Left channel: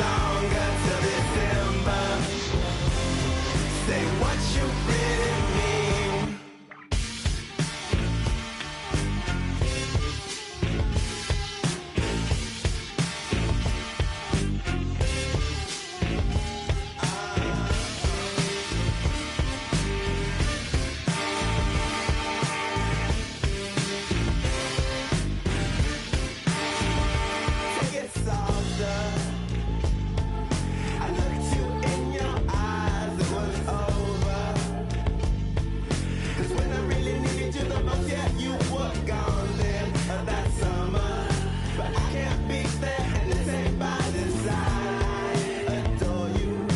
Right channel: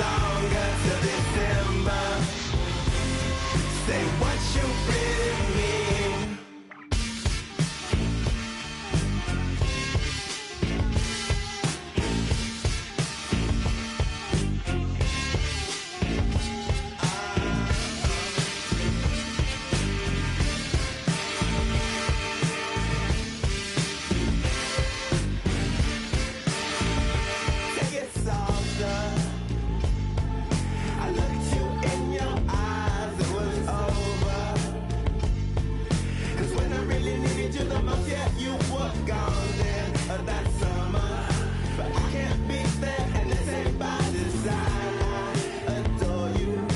longer till December. Say what you really mean. Take it softer. I looked you in your eyes, it was over. 'Cause when I really needed you the most, yeah, you were gone then that summer. But I can't be there, and this ain't by design. I adore you.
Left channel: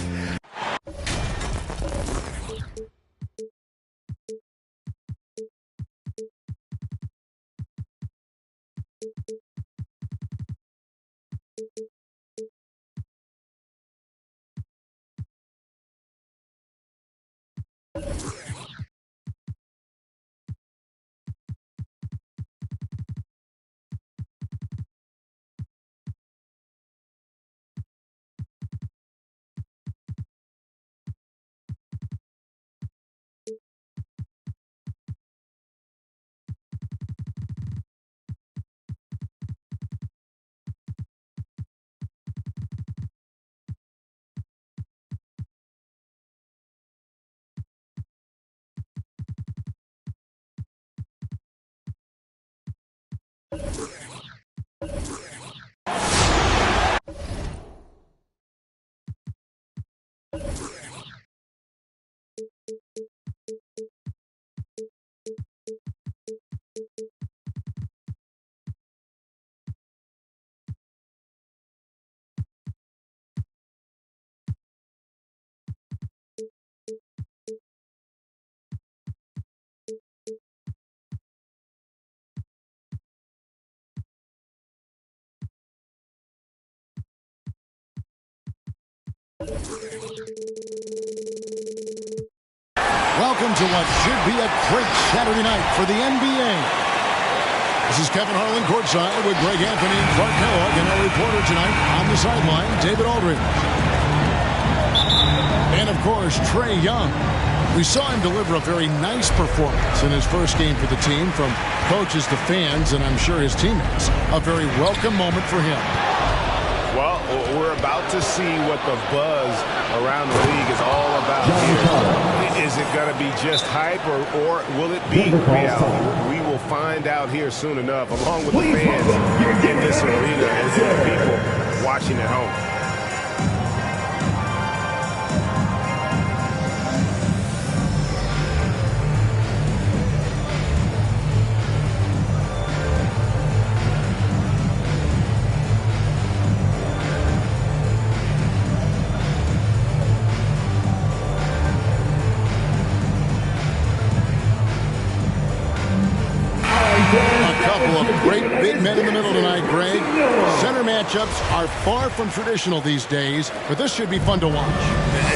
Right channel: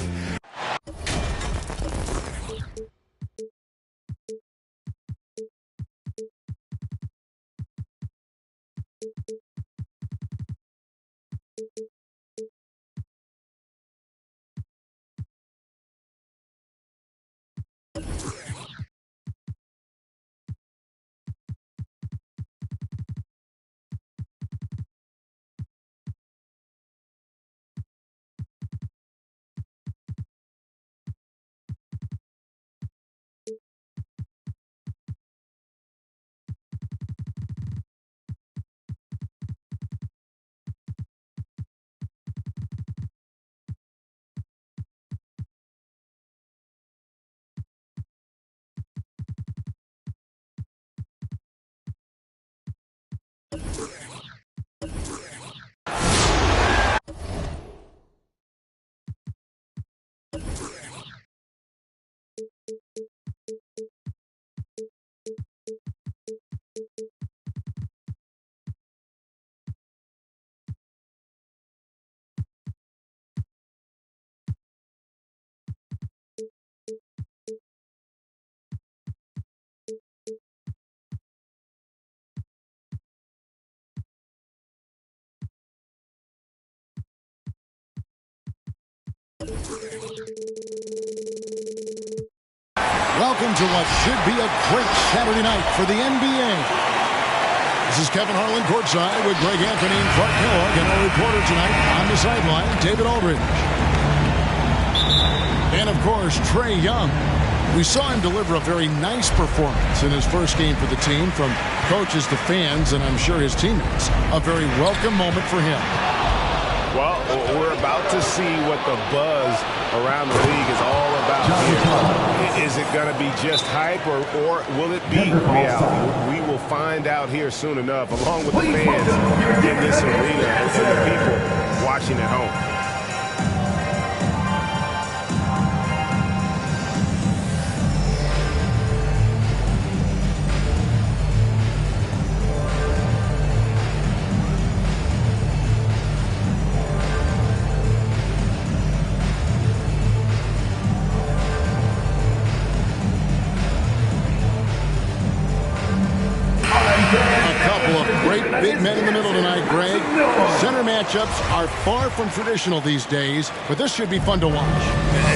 Welcome to what should be a great Saturday night for the NBA. This is Kevin Harlan courtside with Greg Anthony and Clark Kellogg, and our reporter tonight on the sideline, David Aldridge. And, of course, Trae Young. We saw him deliver a very nice performance in his first game for the team, from coaches to fans, and I'm sure his teammates. A very welcome moment for him. Well, we're about to see what the buzz around the league is all about here. Is it going to be just hype, or will it be reality? We will find out here soon enough, along with the fans in this arena and the people watching at home. Great big men in the middle tonight, Greg. Center matchups are far from traditional these days, but this should be fun to watch.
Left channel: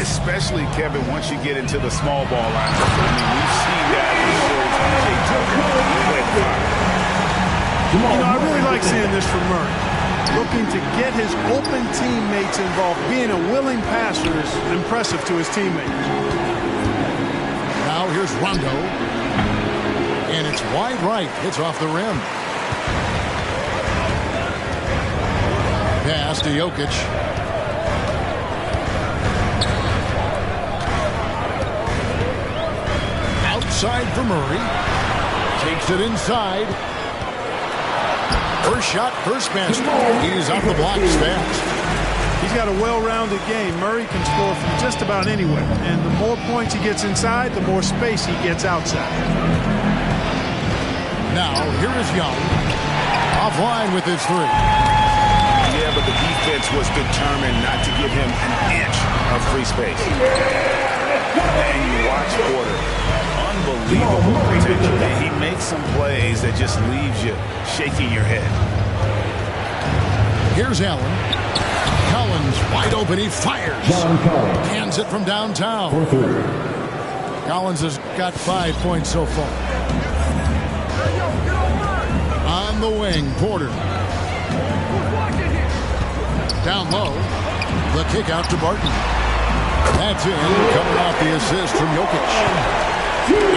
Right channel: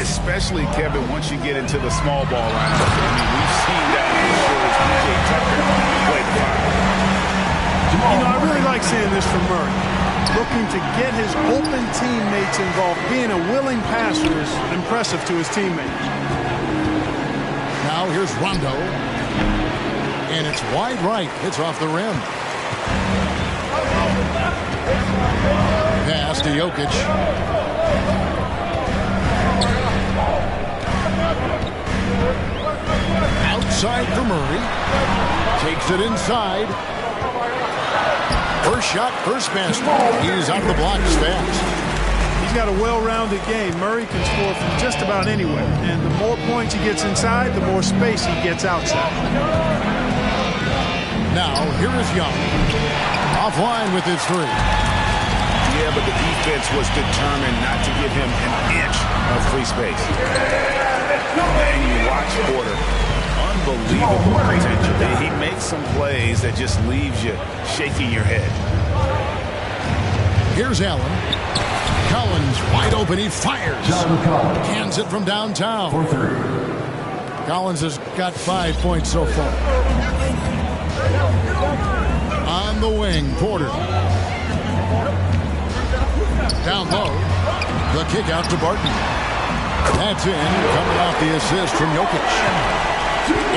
Especially, Kevin, once you get into the small ball lineup. I mean, we've seen guys as short as P.J. Tucker play the fire. You know, I really like seeing this from Murray. Looking to get his open teammates involved. Being a willing passer is impressive to his teammates. Now here's Rondo. And it's wide right. Hits off the rim. Pass to Jokic. Outside for Murray. Takes it inside. First shot, first basket. He's out of the blocks fast. He's got a well-rounded game. Murray can score from just about anywhere. And the more points he gets inside, the more space he gets outside. Now, here is Young. Offline with his three. Yeah, but the defense was determined not to give him an inch of free space. And you watch Porter. Unbelievable potential. He makes some plays that just leaves you shaking your head. Here's Allen. Collins wide open. He fires. Cans it from downtown. For three. Collins has got 5 points so far. On the wing, Porter. Down low. The kick out to Barton. That's in, coming off the assist from Jokic.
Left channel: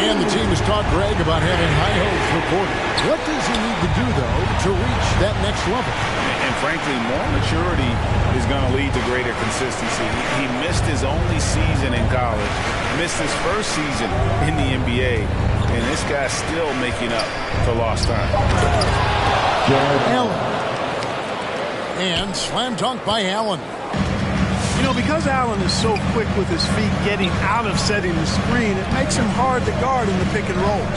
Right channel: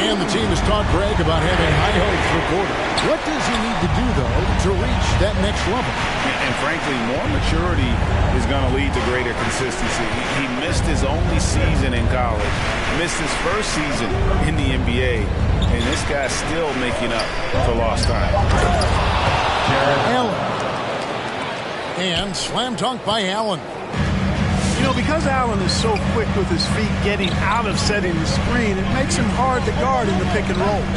And the team has talked Greg about having high hopes for Porter. What does he need to do, though, to reach that next level? And frankly, more maturity is going to lead to greater consistency. He missed his only season in college, missed his first season in the NBA, and this guy's still making up for lost time. Allen. And slam dunk by Allen. You know, because Allen is so quick with his feet getting out of setting the screen, it makes him hard to guard in the pick and rolls.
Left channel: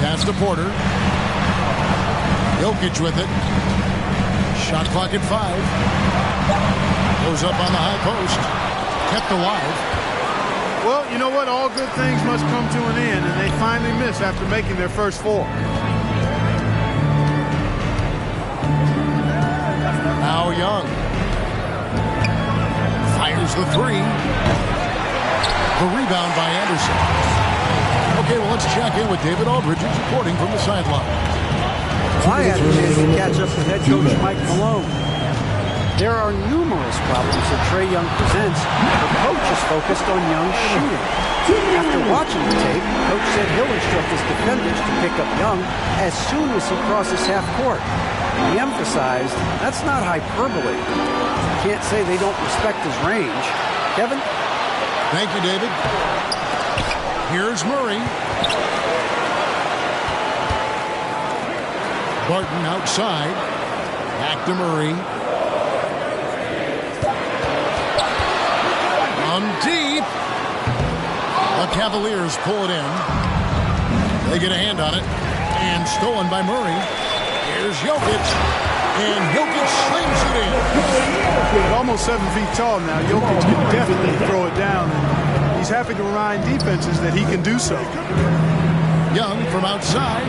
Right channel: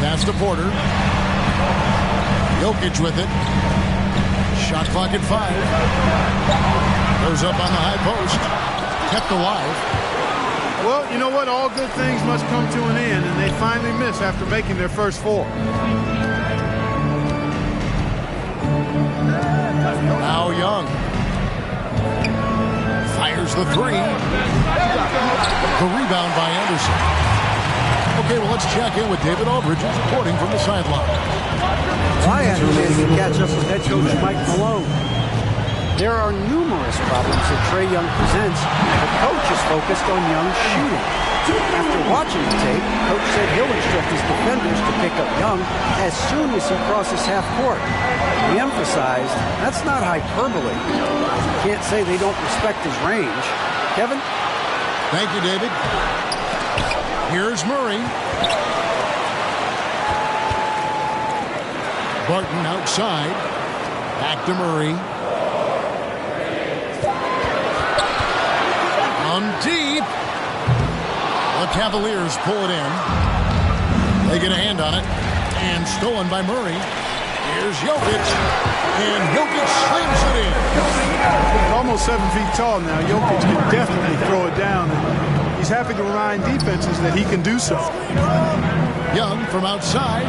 Pass to Porter. Jokic with it. Shot clock at 5. Goes up on the high post. Kept alive. Well, you know what? All good things must come to an end, and they finally miss after making their first 4. Now Young fires the 3. The rebound by Anderson. Okay, well, let's check in with David Aldridge, who's reporting from the sideline. Well, I had a chance to catch up with head coach Mike Malone. There are numerous problems that Trae Young presents. The coach is focused on Young's shooting. After watching the tape, coach said he'll instruct his defenders to pick up Young as soon as he crosses half court. He emphasized that's not hyperbole. You can't say they don't respect his range. Kevin? Thank you, David. Here's Murray. Barton outside. Back to Murray. On deep. The Cavaliers pull it in. They get a hand on it. And stolen by Murray. Here's Jokic. And Jokic slams it in. He's almost 7 feet tall now. Jokic can definitely throw it down. And he's happy to remind defenses that he can do so. Young from outside.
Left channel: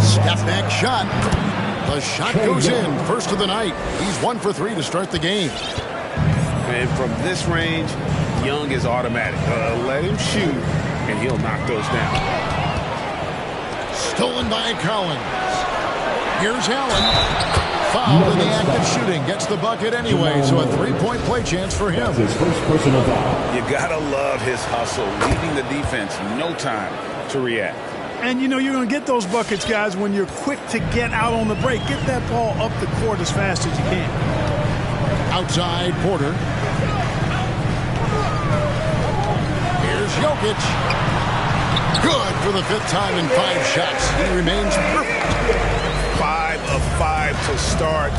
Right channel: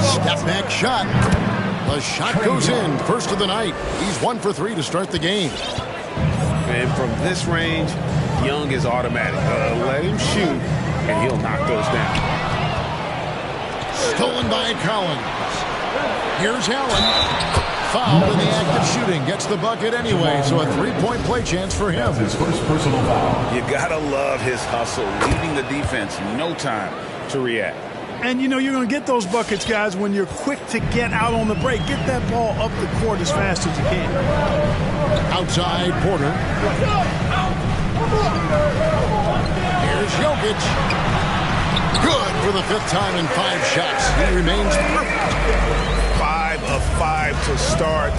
Step back shot. The shot goes in. First of the night. He's 1 for 3 to start the game. And from this range, Young is automatic. Let him shoot, and he'll knock those down. Stolen by Collins. Here's Allen. Fouled in the act of shooting. Gets the bucket anyway, so a 3-point play chance for him. His first personal foul. You gotta love his hustle, leaving the defense no time to react. And, you know, you're going to get those buckets, guys, when you're quick to get out on the break. Get that ball up the court as fast as you can. Outside, Porter. Here's Jokic. Good for the 5th time in 5 shots. He remains perfect. 5 of 5 to start.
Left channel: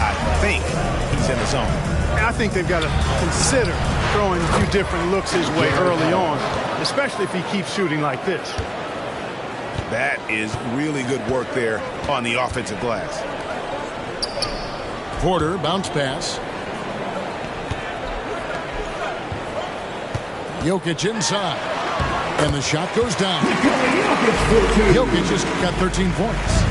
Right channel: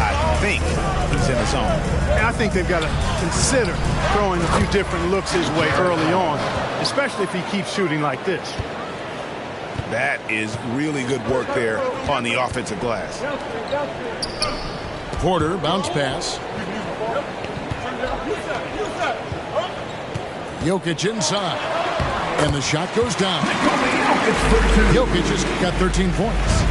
I think he's in the zone. I think they've got to consider throwing a few different looks his way early on, especially if he keeps shooting like this. That is really good work there on the offensive glass. Porter, bounce pass. Jokic inside. And the shot goes down. Jokic just got 13 points.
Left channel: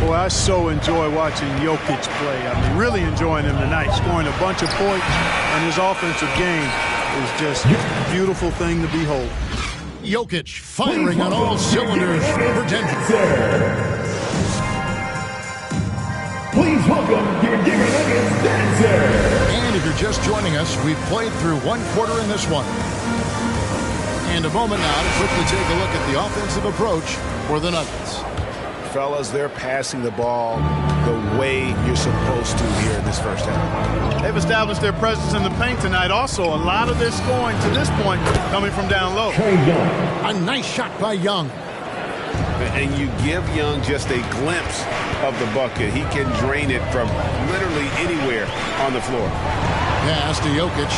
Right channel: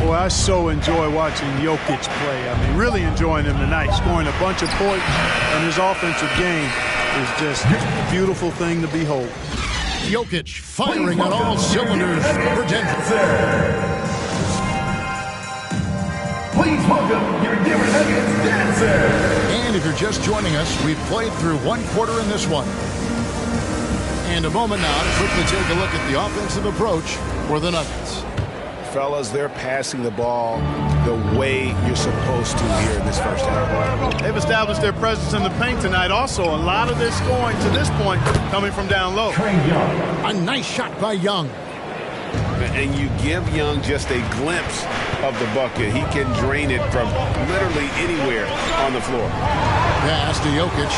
Boy, I so enjoy watching Jokic play. I mean, really enjoying him tonight, scoring a bunch of points, and his offensive game is just a beautiful thing to behold. Jokic firing on all cylinders for Denver. Please welcome your Denver Nuggets dancer. And if you're just joining us, we've played through 1 quarter in this one. And a moment now to quickly take a look at the offensive approach for the Nuggets. Fellas, they're passing the ball the way you're supposed to here in this first half. They've established their presence in the paint tonight. Also, a lot of their scoring to this point coming from down low. Trae Young. A nice shot by Young. And you give Young just a glimpse of the bucket. He can drain it from literally anywhere on the floor. Pass to Jokic.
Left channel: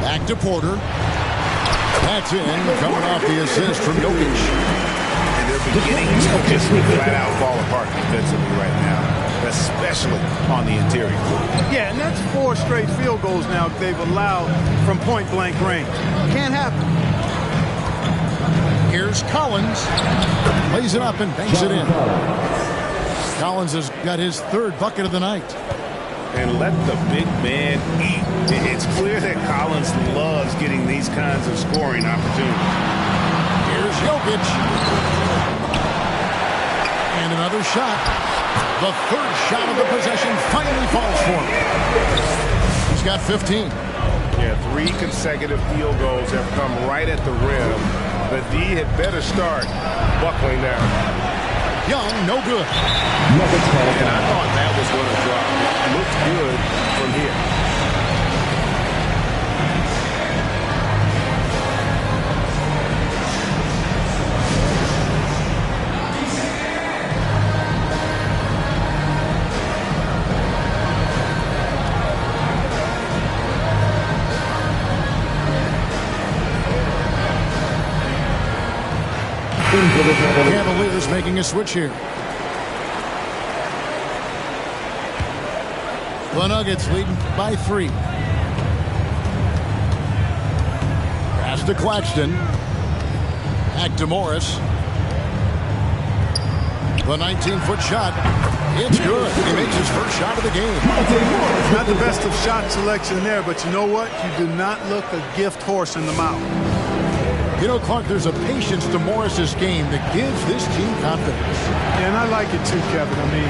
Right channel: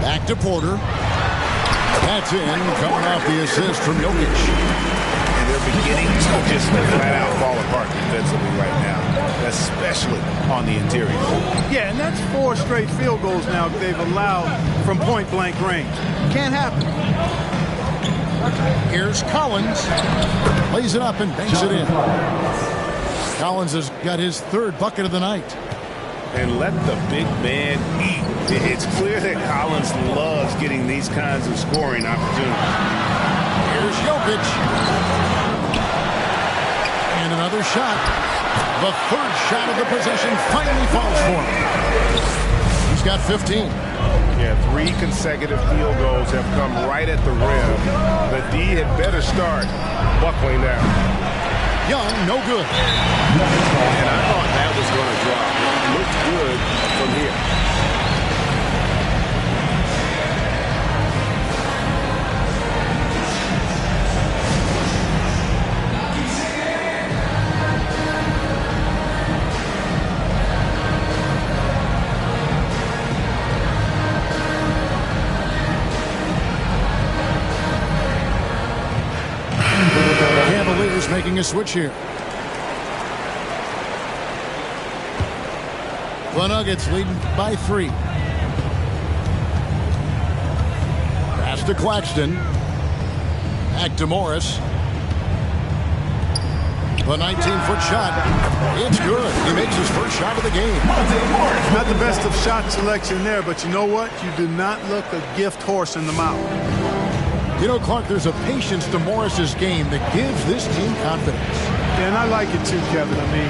Back to Porter. That's in, coming off the assist from Jokic. And they're beginning to just flat out fall apart defensively right now, especially on the interior. Yeah, and that's 4 straight field goals now they've allowed from point-blank range. Can't happen. Here's Collins. Lays it up and banks it in. Collins has got his 3rd bucket of the night. and let the big man eat. It's clear that Collins loves getting these kinds of scoring opportunities. Here's Jokic. And another shot. The third shot of the possession finally falls for him. He's got 15. Yeah, 3 consecutive field goals have come right at the rim. The D had better start buckling down. Young, no good. And I thought that was going to drop. It looked good from here. Cavaliers making a switch here. The Nuggets leading by 3. Pass to Claxton. Back to Morris. The 19-foot shot. It's good. He makes his first shot of the game. Not the best of shot selection there, but you know what? You do not look a gift horse in the mouth. You know, Clark, there's a patience to Morris's game that gives this team confidence. Yeah, and I like it too, Kevin. I mean,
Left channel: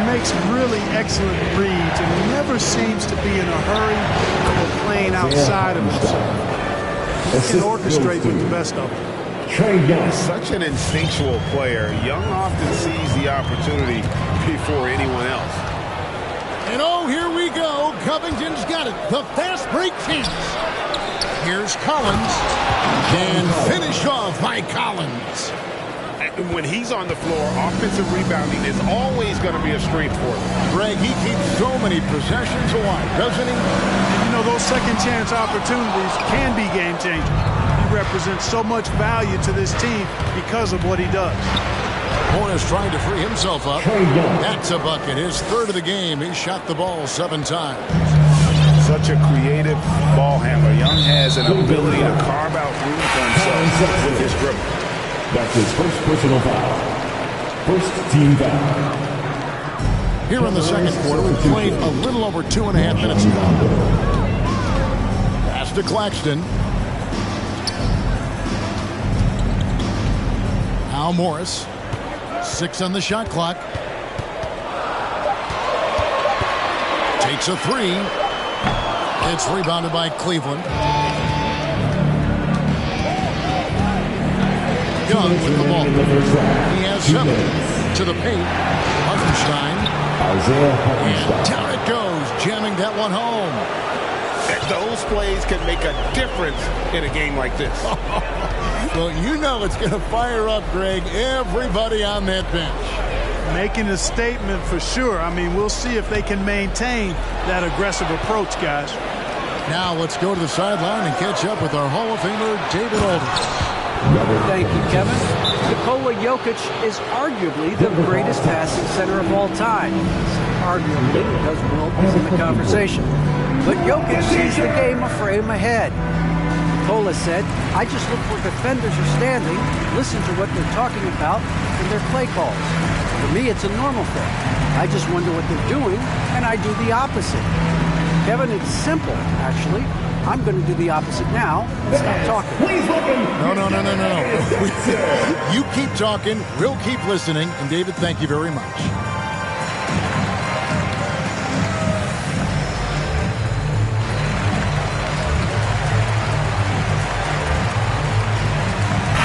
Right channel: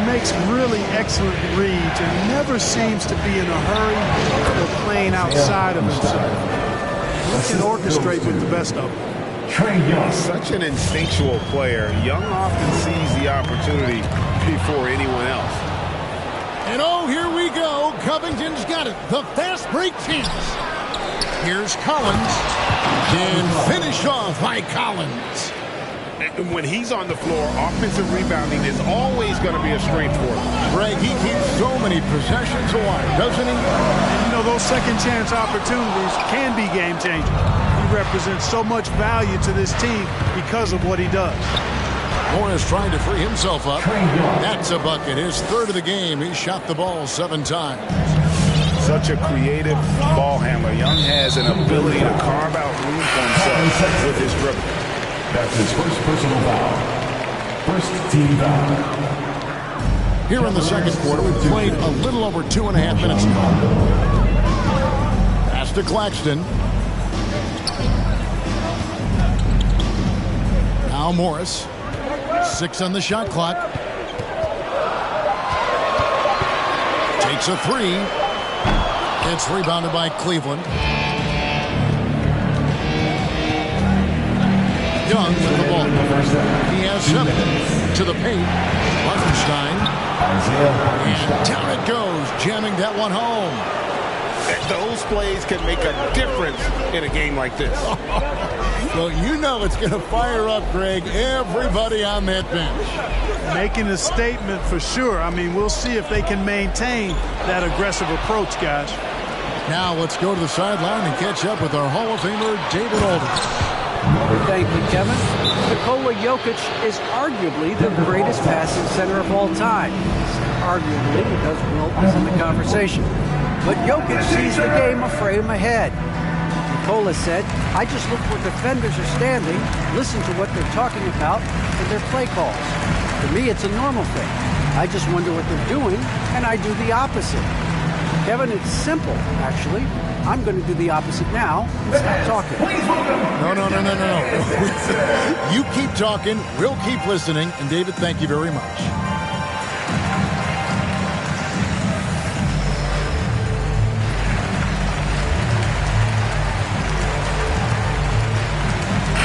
he makes really excellent reads and never seems to be in a hurry or playing outside of himself. He can orchestrate with the best of them. Trae Young. Such an instinctual player. Young often sees the opportunity before anyone else. And oh, here we go. Covington's got it. The fast break chance. Here's Collins. And finished off by Collins. And when he's on the floor, offensive rebounding is always going to be a strength for him. Greg, he keeps so many possessions alive, doesn't he? And you know, those second chance opportunities can be game changers. He represents so much value to this team because of what he does. Morris trying to free himself up. Trae Young. That's a bucket. His third of the game. He shot the ball 7 times. Such a creative ball handler. Young has an ability to carve out room for himself with his dribble. That's his first personal foul. First team foul. Here in the second quarter, we've played a little over 2.5 minutes now. Pass to Claxton. Now Morris. 6 on the shot clock. Takes a 3. It's rebounded by Cleveland. Young with the ball. He has 7 to the paint. Hartenstein. And down it goes, jamming that one home. Those plays can make a difference in a game like this. Well, you know it's going to fire up, Greg, everybody on that bench. Making a statement for sure. I mean, we'll see if they can maintain that aggressive approach, guys. Now let's go to the sideline and catch up with our Hall of Famer, David Aldridge. Thank you, Kevin. Nikola Jokic is arguably the greatest passing center of all time. Arguably because Wilt is in the conversation. But Jokic sees the game a frame ahead. Nikola said, I just look where defenders are standing, listen to what they're talking about, and their play calls. For me, it's a normal thing. I just wonder what they're doing, and I do the opposite. Kevin, it's simple, actually. I'm going to do the opposite now and stop talking. No. You keep talking, we'll keep listening, and David, thank you very much.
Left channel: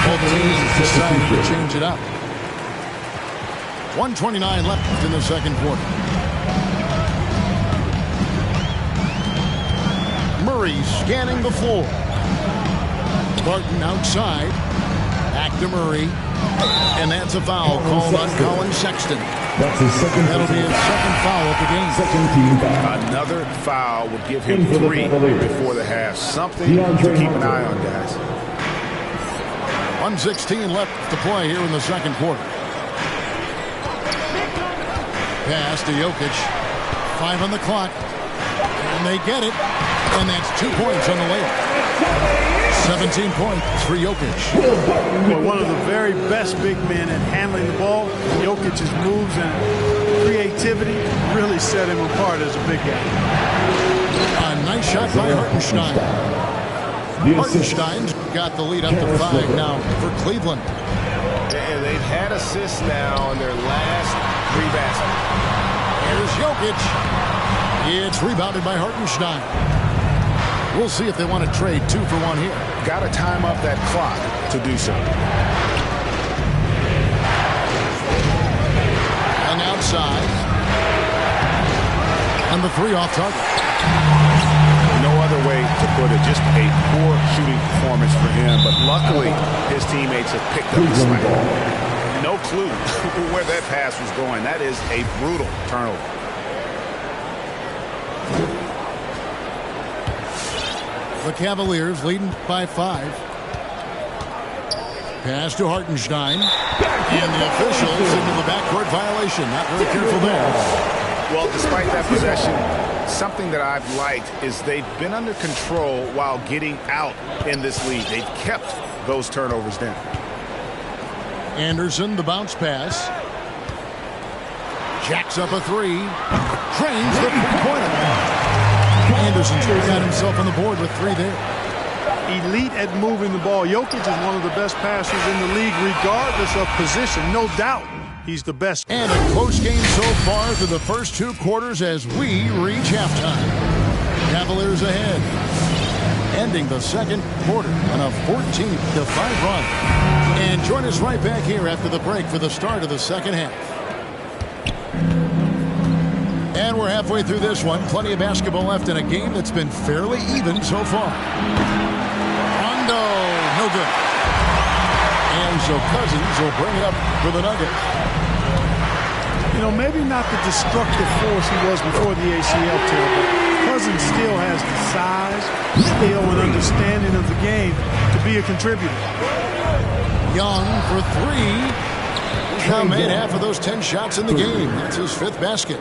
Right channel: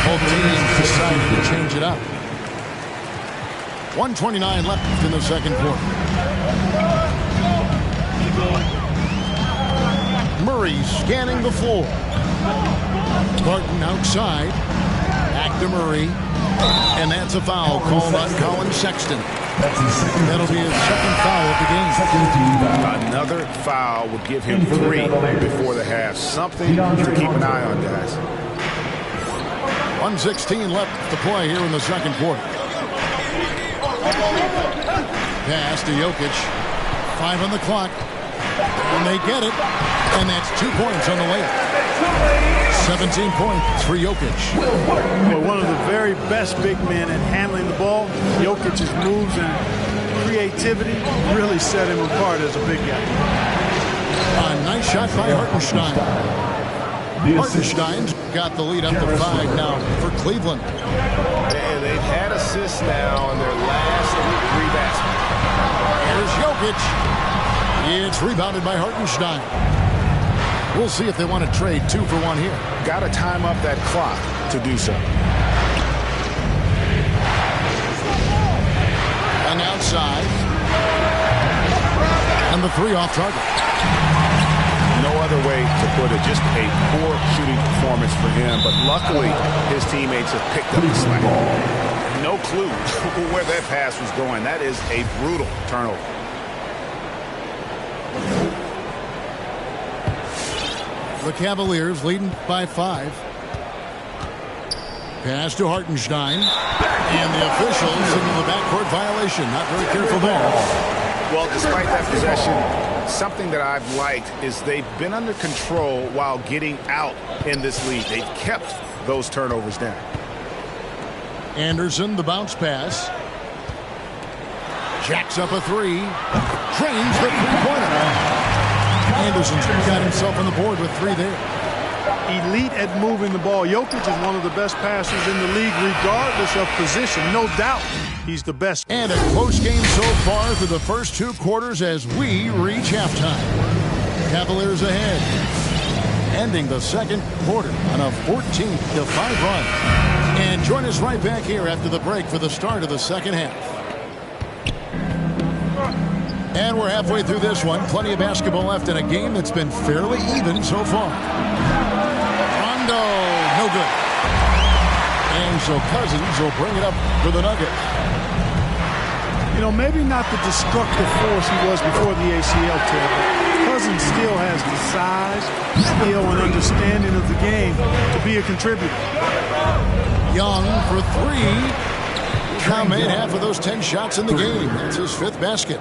Both teams decided to change it up. 1:29 left in the second quarter. Murray scanning the floor. Barton outside. Back to Murray. And that's a foul called on Colin Sexton. That's his second. That'll be his second foul of the game. Second team foul. Another foul would give him 3 before the half. Something to keep an eye on, guys. 1:16 left to play here in the second quarter. Pass to Jokic. 5 on the clock. And they get it. And that's 2 points on the layup. 17 points for Jokic. Well, one of the very best big men at handling the ball. Jokic's moves and creativity really set him apart as a big guy. A nice shot by Hartenstein. Hartenstein's got the lead up to 5 now for Cleveland. And they've had assists now in their last 3 baskets. Here's Jokic. It's rebounded by Hartenstein. We'll see if they want to trade 2 for 1 here. Got to time up that clock to do so. Young outside. And the 3 off target. No other way to put it. Just a poor shooting performance for him. But luckily, his teammates have picked up the slack. No clue where that pass was going. That is a brutal turnover. The Cavaliers leading by 5. Pass to Hartenstein. And the officials signal the backcourt violation. Not very careful there. Well, despite that possession, something that I've liked is they've been under control while getting out in this league. They've kept those turnovers down. Anderson, the bounce pass. Jacks up a 3. Drains the 3-pointer. Anderson's got himself on the board with 3 there. Elite at moving the ball. Jokic is one of the best passers in the league, regardless of position. No doubt he's the best. And a close game so far through the first 2 quarters as we reach halftime. Cavaliers ahead. Ending the second quarter on a 14-5 run. And join us right back here after the break for the start of the second half. And we're halfway through this one. Plenty of basketball left in a game that's been fairly even so far. Rondo, no good. And so Cousins will bring it up for the Nuggets. You know, maybe not the destructive force he was before the ACL tear, but Cousins still has the size, skill, and understanding of the game to be a contributor. Young for 3. He's now made half of those 10 shots in the game. That's his 5th basket.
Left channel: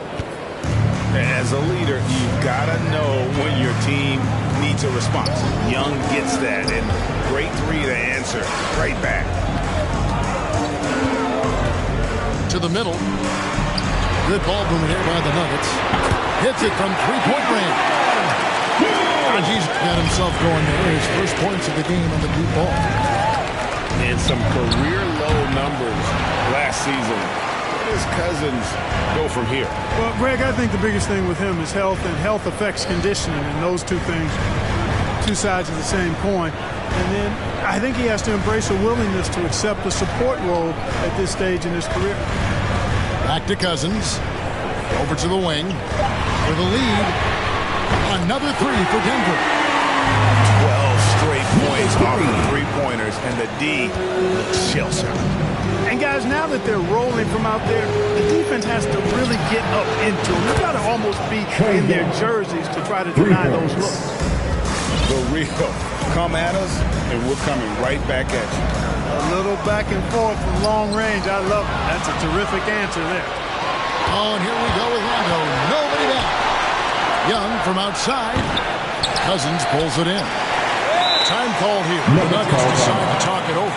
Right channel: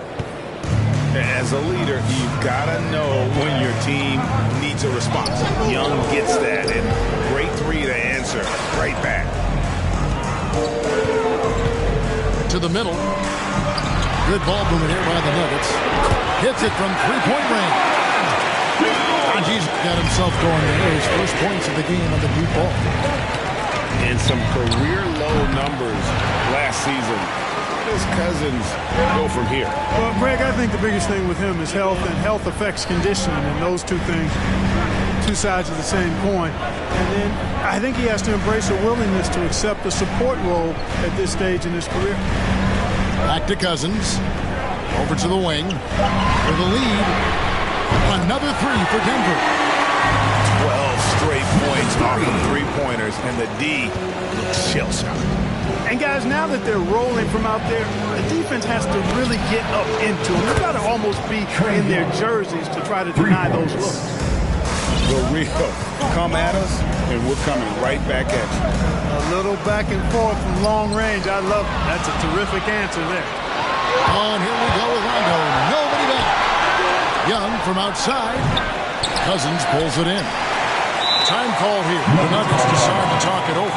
As a leader, you've got to know when your team needs a response. Young gets that, and great 3 to answer right back. To the middle. Good ball movement here by the Nuggets. Hits it from 3-point range. Raji's got himself going there. His first points of the game on the deep ball. And some career-low numbers last season. Where does Cousins go from here? Well, Greg, I think the biggest thing with him is health, and health affects conditioning, and those 2 things, 2 sides of the same coin. And then I think he has to embrace a willingness to accept a support role at this stage in his career. Back to Cousins. Over to the wing. For the lead. Another 3 for Denver. 12 straight points off of 3-pointers, and the D looks shell-shocked. And guys, now that they're rolling from out there, the defense has to really get up into them. You've got to almost be in their jerseys to try to deny those looks. The real come at us, and we're coming right back at you. A little back and forth from long range. I love it. That's a terrific answer there. Oh, and here we go with Rondo. Nobody back. Young from outside. Cousins pulls it in. Time called here. The Nuggets decide to talk it over.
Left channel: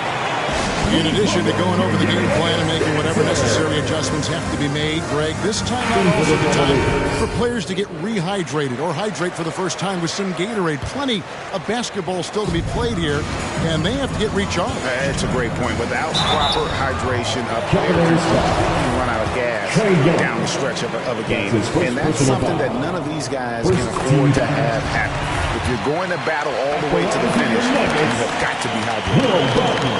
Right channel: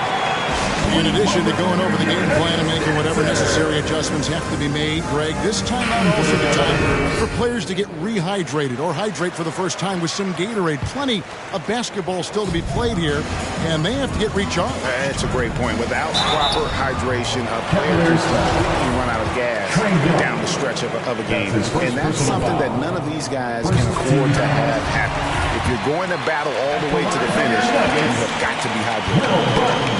In addition to going over the game plan and making whatever necessary adjustments have to be made, Greg, this time out also the time for players to get rehydrated or hydrate for the first time with some Gatorade. Plenty of basketball still to be played here, and they have to get recharged. That's a great point. Without proper hydration, a player can completely run out of gas down the stretch of a game. And that's something that none of these guys can afford to have happen. If you're going to battle all the way to the finish, you have got to be hydrated.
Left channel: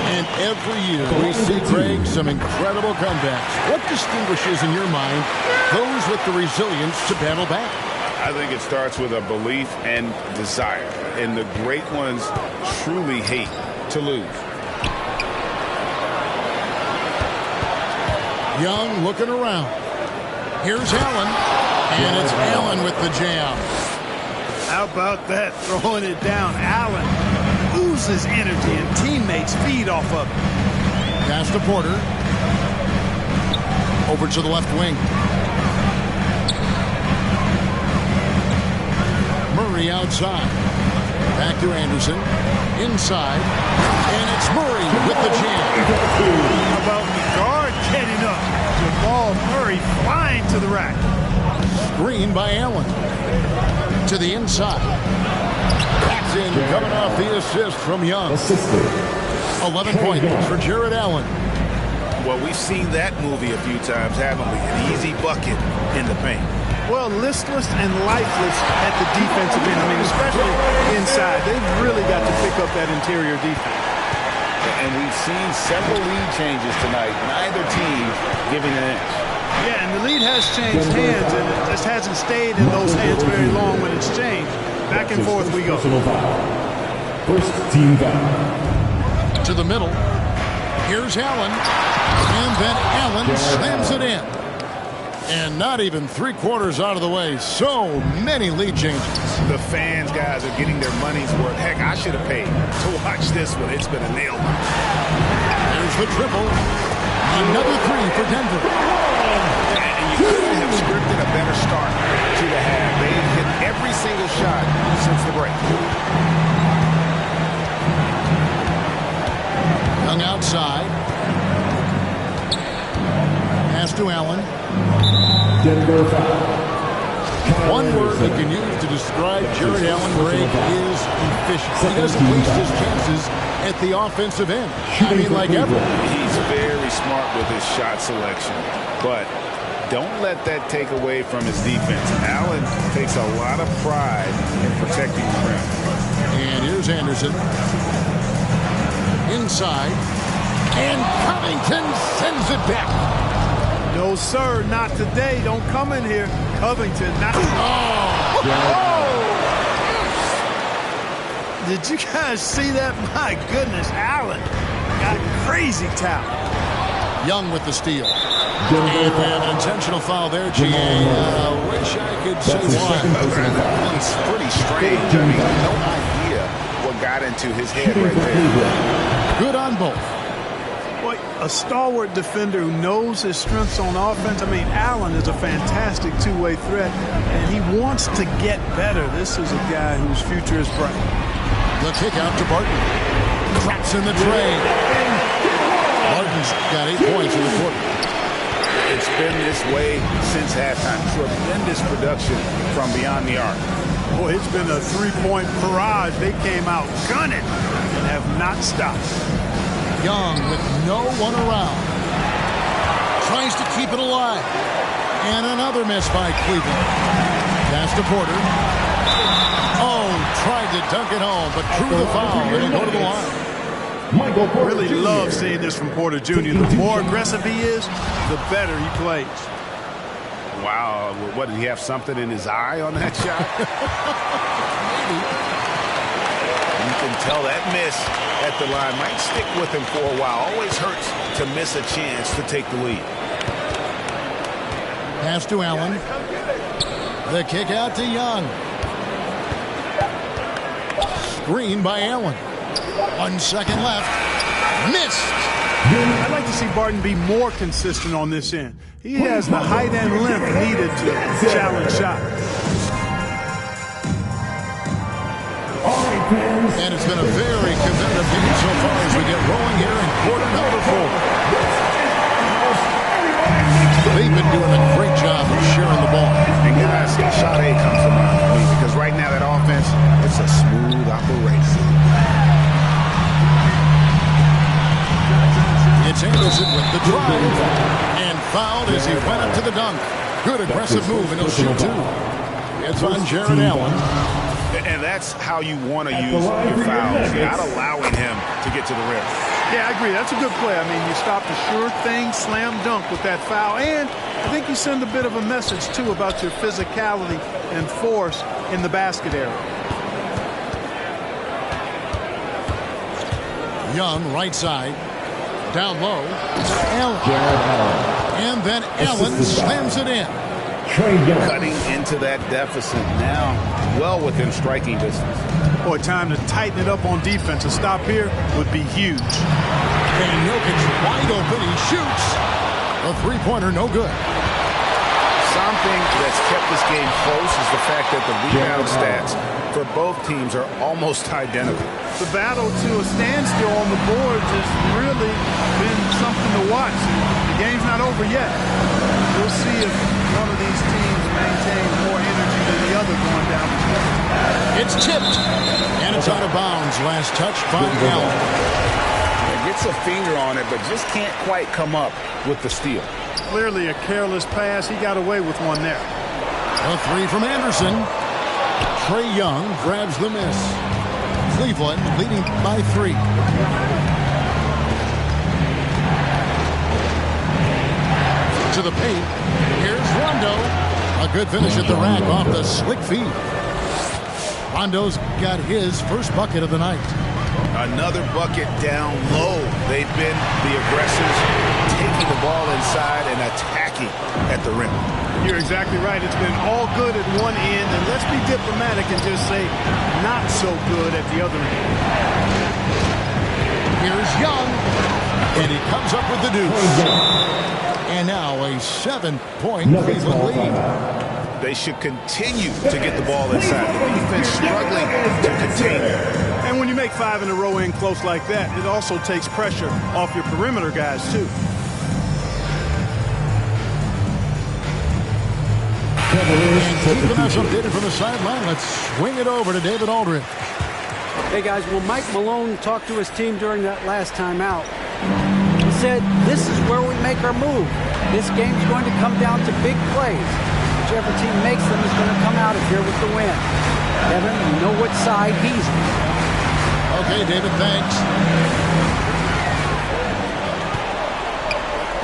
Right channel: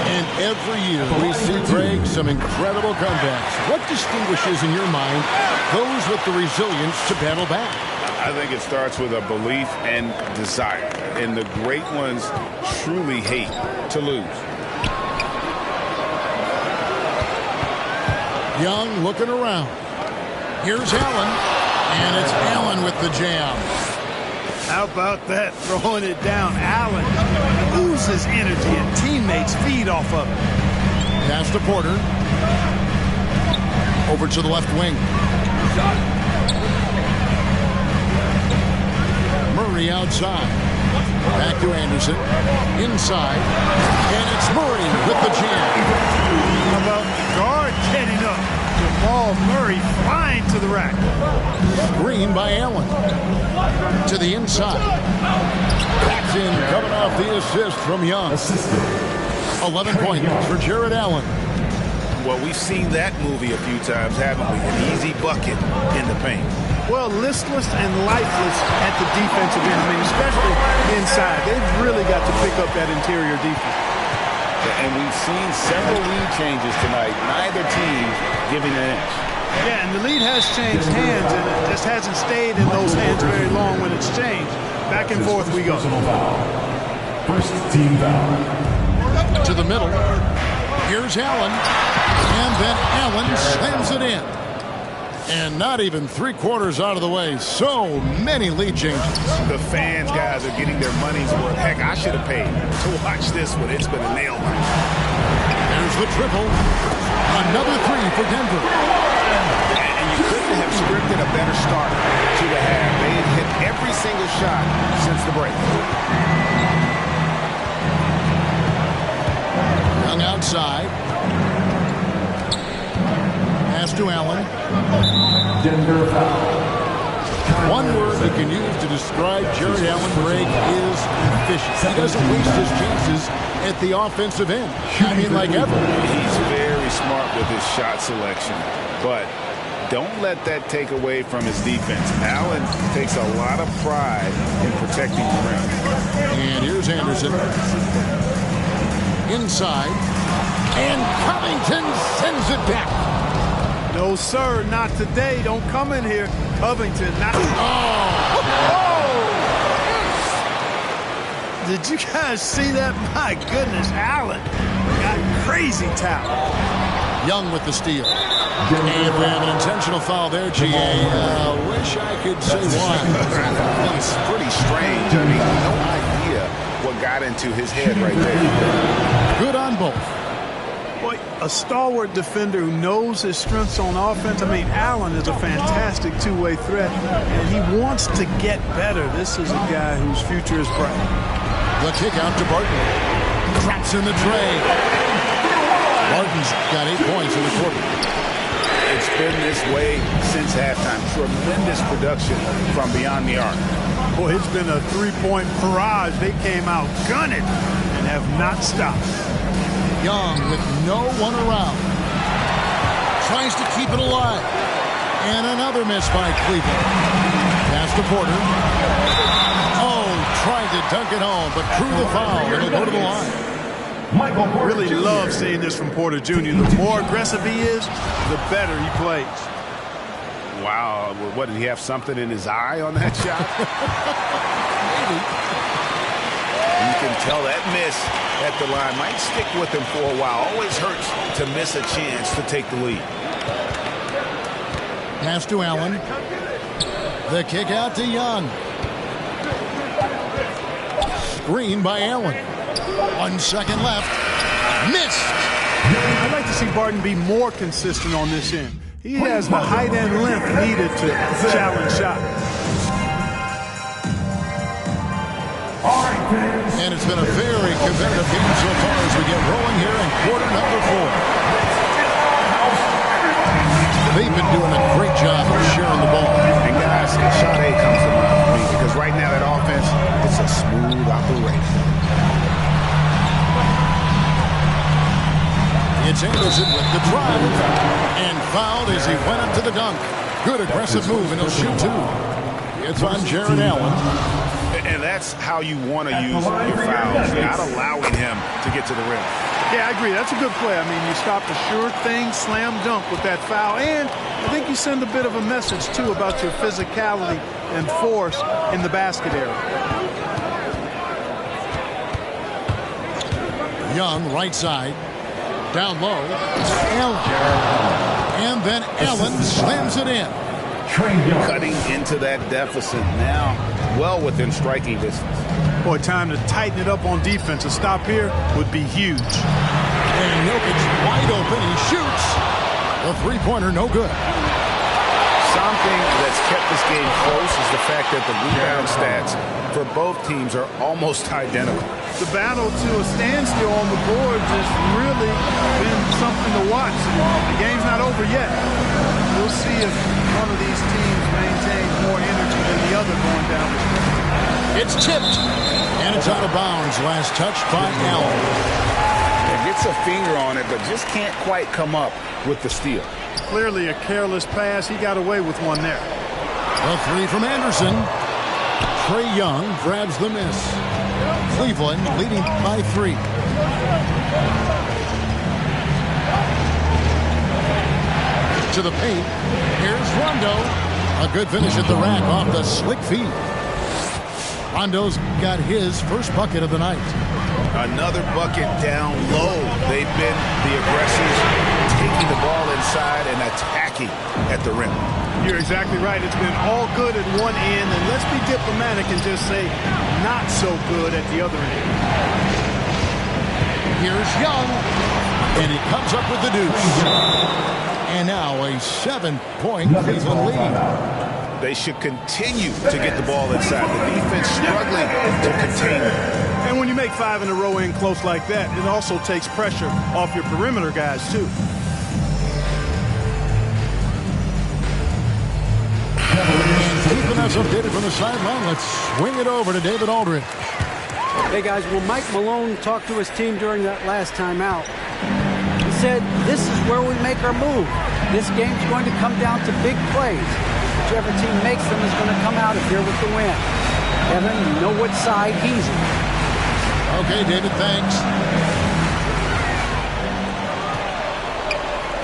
And every year we see, Greg, some incredible comebacks. What distinguishes, in your mind, those with the resilience to battle back? I think it starts with a belief and desire. And the great ones truly hate to lose. Young looking around. Here's Allen. And it's Allen with the jam. How about that? Throwing it down. Allen oozes energy, and teammates feed off of it. Pass to Porter. Over to the left wing. Murray outside. Back to Anderson. Inside. And it's Murray with the jam. How about the guard getting up? Jamal Murray flying to the rack. Screen by Allen. To the inside. Paxton coming off the assist from Young. 11 points for Jared Allen. Well, we've seen that movie a few times, haven't we? An easy bucket in the paint. Well, listless and lifeless at the defensive end. I mean, especially inside. They've really got to pick up that interior defense. And we've seen several lead changes tonight. Neither team giving an inch. Yeah, and the lead has changed hands, and it just hasn't stayed in those hands very long when it's changed. Back and forth we go. First team foul. To the middle. Here's Allen. And then Allen slams it in. And not even 3/4 out of the way. So many lead changes. The fans, guys, are getting their money's worth. Heck, I should have paid to watch this one. It's been a nail biter. There's the triple. Another 3 for Denver. And you couldn't have scripted a better start to the half. They had hit every single shot since the break. Young outside. Pass to Allen. Denver foul. One word we can use to describe Jared Allen, Greg, is efficient. He doesn't waste his chances at the offensive end. I mean, like ever. He's very smart with his shot selection, but don't let that take away from his defense. Allen takes a lot of pride in protecting the rim. And here's Anderson. Inside. And Covington sends it back. No, sir, not today. Don't come in here. Covington, not... Did you guys see that? My goodness, Allen got crazy talent. Young with the steal. And we have an intentional foul there, G.A. Wish I could say why. It's pretty strange. I mean, no idea what got into his head right there. Good on both. Boy, a stalwart defender who knows his strengths on offense. I mean, Allen is a fantastic two-way threat, and he wants to get better. This is a guy whose future is bright. The kick out to Barton. Drops in the tray. Barton's got 8 points in the quarter. It's been this way since halftime. Tremendous production from beyond the arc. Boy, it's been a three-point barrage. They came out gunning and have not stopped. Young with no one around. Tries to keep it alive. And another miss by Cleveland. Pass to Porter. Oh, tried to dunk it home, but drew the foul. It'll go to the line. Michael Porter Really Jr. love seeing this from Porter Jr. The more aggressive he is, the better he plays. Wow. What, did he have something in his eye on that shot? Maybe. You can tell that miss at the line might stick with him for a while. Always hurts to miss a chance to take the lead. Pass to Allen. The kick out to Young. Screen by Allen. 1 second left. Missed. I'd like to see Barton be more consistent on this end. He has the height and length needed to challenge shots. And it's been a very competitive game so far as we get rolling here in quarter number 4. They've been doing a great job of sharing the ball. And guys, shot A comes to mind for me because right now that offense, it's a smooth operation. It's Anderson with the drive. And fouled as he went up to the dunk. Good aggressive move, and he'll shoot 2. It's on Jared Allen. And that's how you want to use your fouls, not allowing him to get to the rim. Yeah, I agree. That's a good play. I mean, you stopped a sure thing, slam dunk with that foul. And I think you send a bit of a message, too, about your physicality and force in the basket area. Young, right side. Down low. Allen. And then Allen slams it in. Cutting into that deficit now, well within striking distance. Boy, time to tighten it up on defense. A stop here would be huge. And Jokic wide open. He shoots. The three-pointer no good. Something that's kept this game close is the fact that the rebound stats for both teams are almost identical. The battle to a standstill on the boards has really been something to watch. And the game's not over yet. We'll see if one of these teams maintains more energy than the other going down the stretch. It's tipped, and it's out of bounds. Last touch by Allen. Gets a finger on it, but just can't quite come up with the steal. Clearly a careless pass. He got away with one there. A three from Anderson. Trae Young grabs the miss. Cleveland leading by 3. To the paint. Here's Rondo. A good finish at the rack off the slick feed. Rondo's got his first bucket of the night. Another bucket down low. They've been the aggressors, taking the ball inside and attacking at the rim. You're exactly right. It's been all good at one end, and let's be diplomatic and just say not so good at the other end. Here's Young, and he comes up with the deuce. And now a 7-point Cleveland lead. They should continue to get the ball inside. The defense struggling to contain them. And when you make 5 in a row in close like that, it also takes pressure off your perimeter guys, too. And keeping us updated from the sideline, let's swing it over to David Aldridge. Hey, guys, well, Mike Malone talked to his team during that last timeout. He said, this is where we make our move. This game's going to come down to big plays. Whichever team makes them is going to come out of here with the win. Kevin, you know what side he's on. Okay, David, thanks.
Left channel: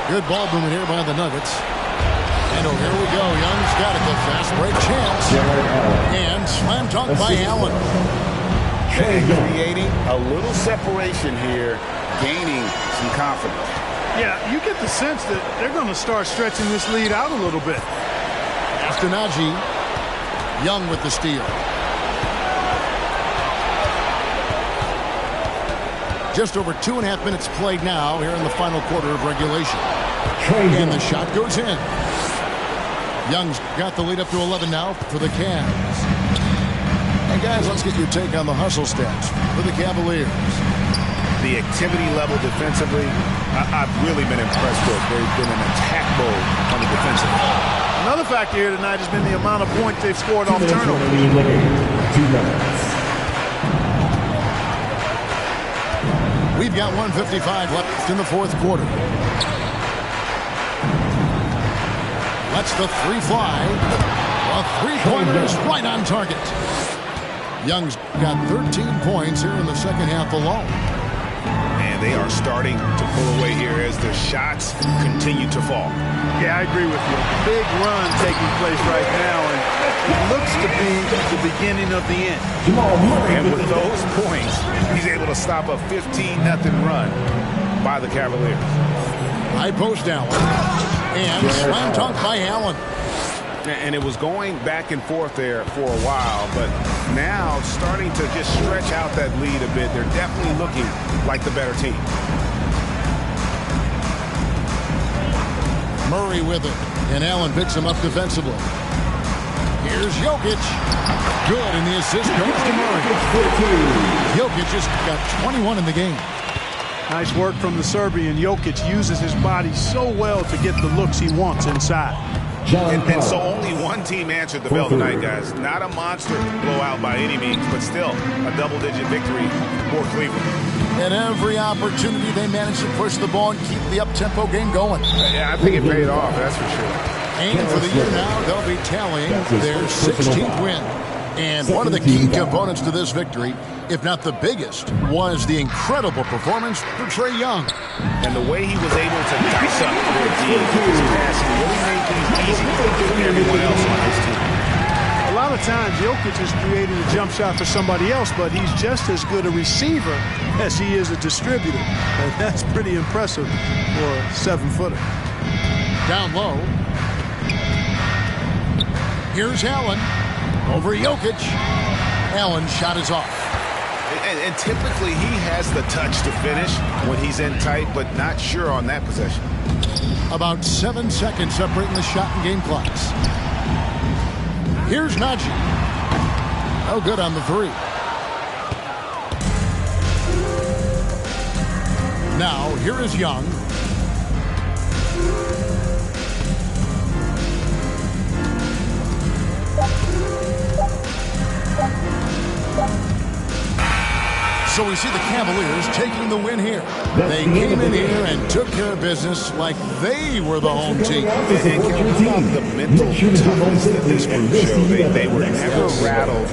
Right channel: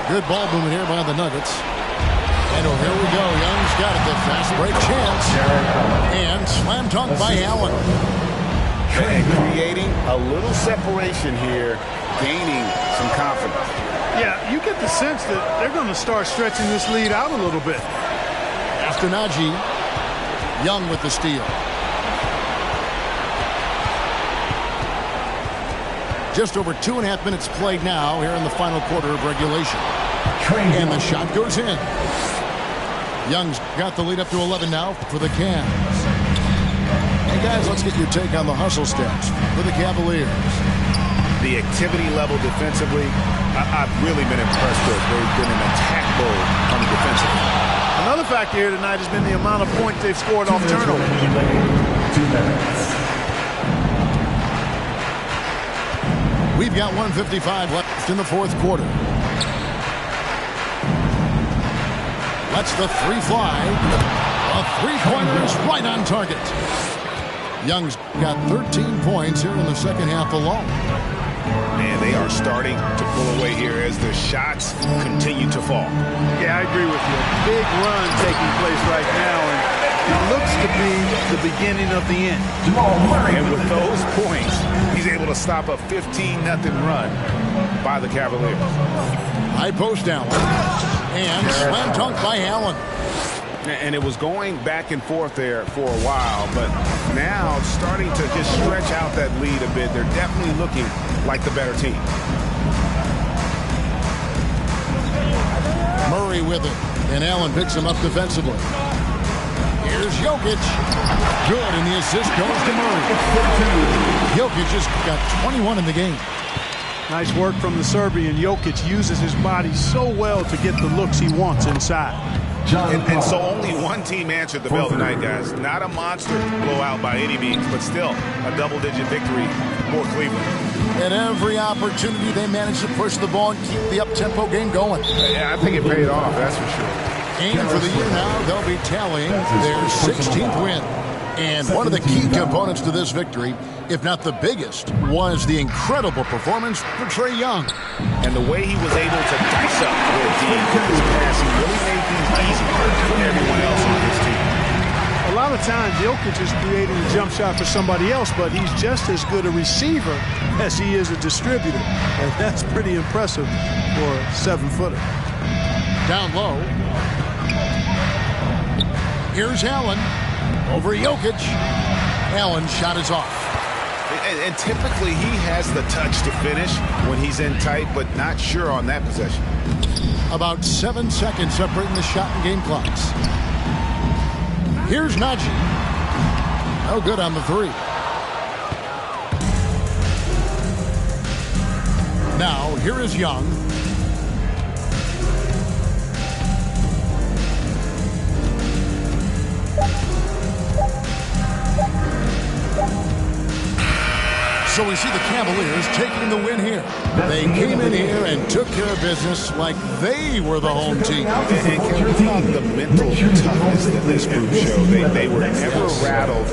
Good ball movement here by the Nuggets. And oh, here we go. Young's got it. The fast break chance. And slam dunk by Allen. And creating a little separation here, gaining some confidence. Yeah, you get the sense that they're going to start stretching this lead out a little bit. After Najee, Young with the steal. Just over 2.5 minutes played now here in the final quarter of regulation. And the shot goes in. Young's got the lead up to 11 now for the Cavs. Hey, guys, let's get your take on the hustle stats for the Cavaliers. The activity level defensively, I've really been impressed with. There's been an attack mode on the defensive end. Another factor here tonight has been the amount of points they've scored off turnovers. 2 minutes. We've got 1:55 left in the fourth quarter. Lets the three fly. A three-pointer is right on target. Young's got 13 points here in the second half alone. And they are starting to pull away here as the shots continue to fall. Yeah, I agree with you. A big run taking place right now, and it looks to be the beginning of the end. And with those points, he's able to stop a 15-0 run by the Cavaliers. High post Allen. And slam dunk by Allen. And it was going back and forth there for a while, but now starting to just stretch out that lead a bit. They're definitely looking like the better team. Murray with it, and Allen picks him up defensively. Here's Jokic. Good, and the assist goes to Murray. Jokic just got 21 in the game. Nice work from the Serbian. Jokic uses his body so well to get the looks he wants inside. And so only one team answered the bell tonight, guys. Not a monster blowout by any means, but still a double-digit victory for Cleveland. At every opportunity, they managed to push the ball and keep the up-tempo game going. Yeah, I think it paid off, that's for sure. And for the year now, they'll be tallying their 16th win. And one of the key components to this victory, if not the biggest, was the incredible performance for Trae Young. And the way he was able to dice up their D with his passing really made things easy for everyone else on his team. A lot of times, Jokic is creating a jump shot for somebody else, but he's just as good a receiver as he is a distributor. And that's pretty impressive for a 7-footer. Down low. Here's Allen. Over Jokic. Allen's shot is off. And typically he has the touch to finish when he's in tight, but not sure on that possession. About 7 seconds separating the shot and game clocks. Here's Najee. No good on the three. Now, here is Young. So we see the Cavaliers taking the win here. They came in here and took care of business like they were the home team. And Kevin, how about the mental toughness that this group showed? They were never rattled